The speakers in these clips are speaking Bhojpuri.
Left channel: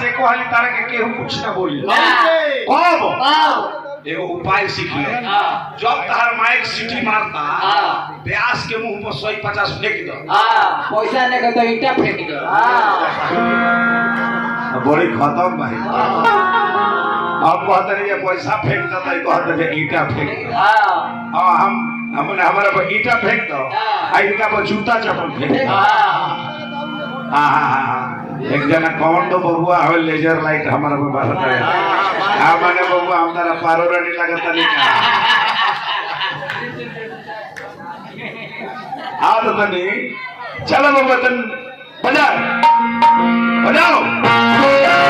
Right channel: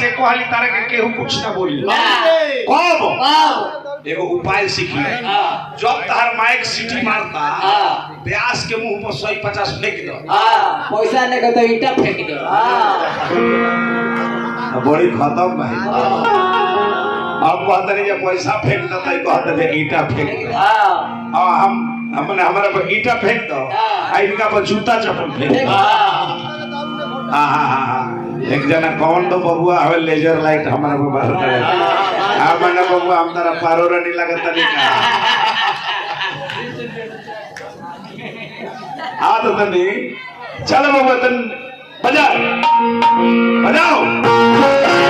से कहली तारा के केहू कुछ ना बोली कब एगो उपाय सीख ले जब तार माइक सीटी मारता ब्यास के मुंह पर 150 फेंक दो पैसा ने के तो ईटा फेंक दो बड़ी खत्म भाई अब कहते नहीं पैसा फेंक दो तो कहते जे ईटा फेंक दो हम हमने हमारे पर ईटा फेंक दो इनका पर जूता चप्पल फेंक दो एक जना कौन तो बबुआ हवे लेजर लाइट हमारा पे बाहर करे मैंने बबुआ हम तारा पारो नहीं लगता नहीं आ तो तनी चलो बबुआ तन बजा बजाओ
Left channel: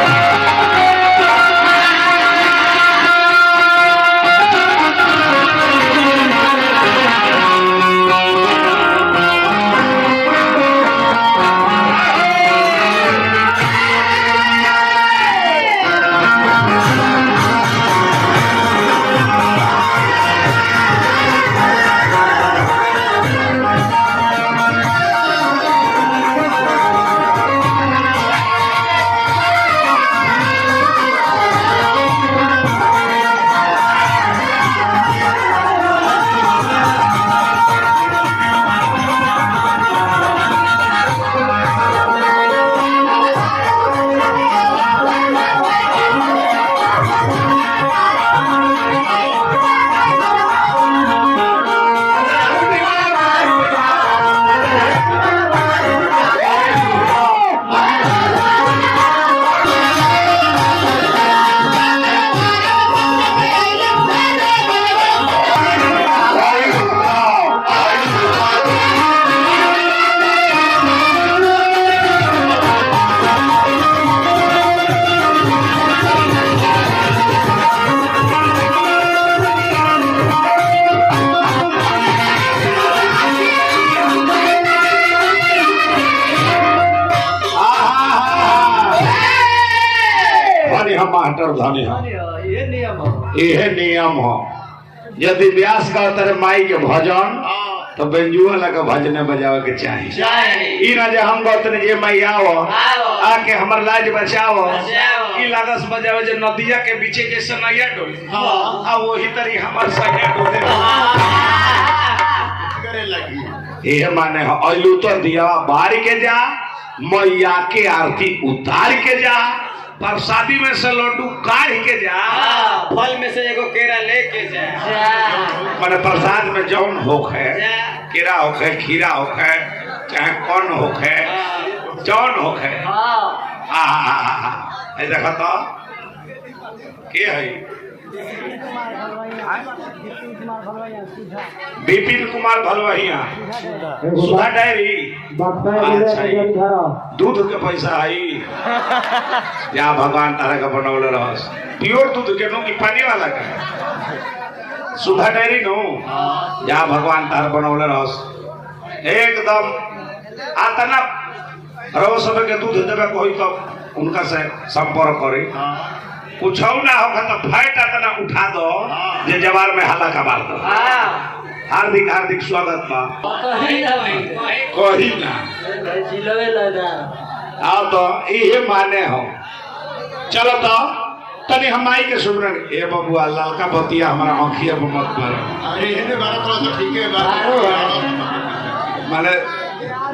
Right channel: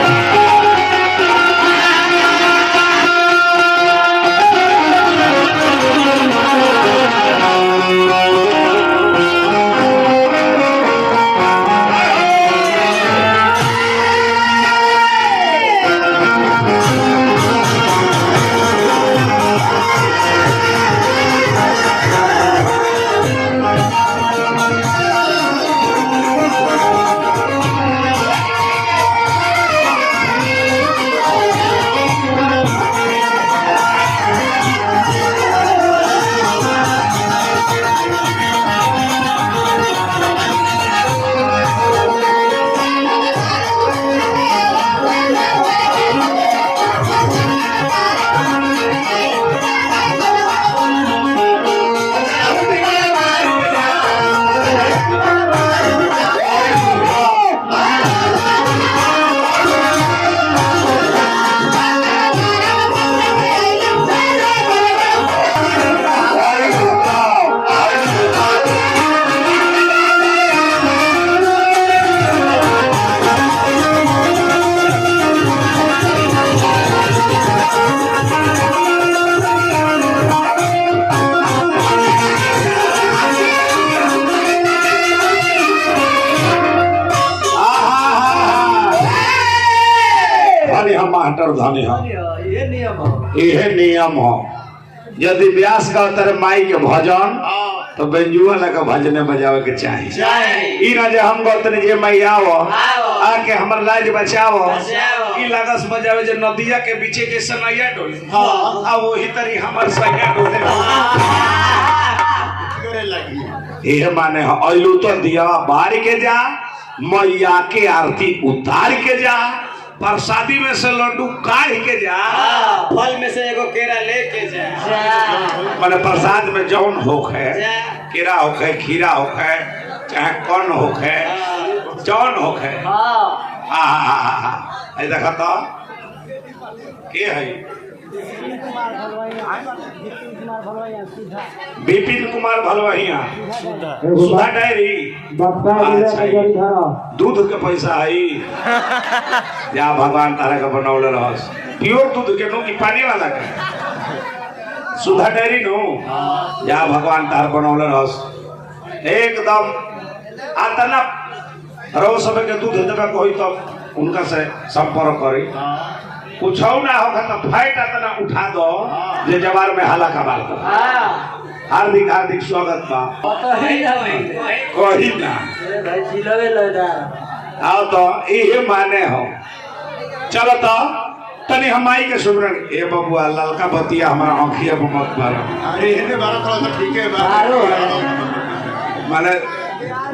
धनी ये नियम हो यदि व्यास का तेरे माई के भजन तो बेंजुआ लगा भजने बजावे के चाहिए ना जे हम गौतने जे माई आओ आके हमर लाज बचाओ ई लागस बजावे जे नदिया के बीचे जैसे नैया डोले आ वही तरी हमर सैया डोले करे लगी ये माने हो अइलू तो दिया बार के जा मैया के आरती उतार के जा प्रसादी में से लड्डू काढ़ के जा फल में से एगो केरा लेके जा माने प्रसाद में जौन होखे केरा होखे खीरा होखे चाहे कौन होखे जौन होखे ऐ देखा तो के है विपिन कुमार भलवहिया सुधा डायरी दूध के पैसा आई या भगवान तारा का बनौले रहस प्योर दूध के नो कि पानी वाला का सुधा डायरी नो या भगवान तार बनौले रहस एकदम आतना रहो सब के दूध देवे कोई तो उनका से संपर्क करे कुछ ना होगा तो फैट इतना उठा दो जे जवार में हाला कबाल दो हार्दिक हार्दिक स्वागत बा कही ना आओ तो ये माने हो चलो तो तनी हम माई के सुमरन ए बबुआ ललका बतिया हमारा आँखिया पर मत मारो ठीक है माने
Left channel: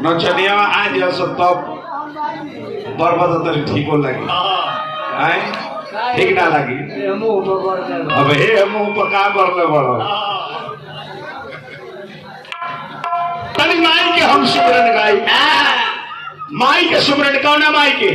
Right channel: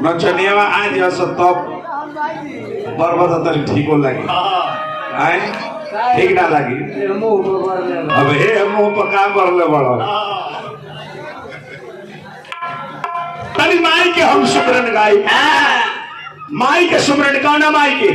नचनिया में आज तब बर्बाद तरी ठीक हो लगी आए ठीक ना लगी अब हे मुंह पर काम कर ले बड़ो तनी माई के हम सुमरन गाई माई के सुमरन कौन माई के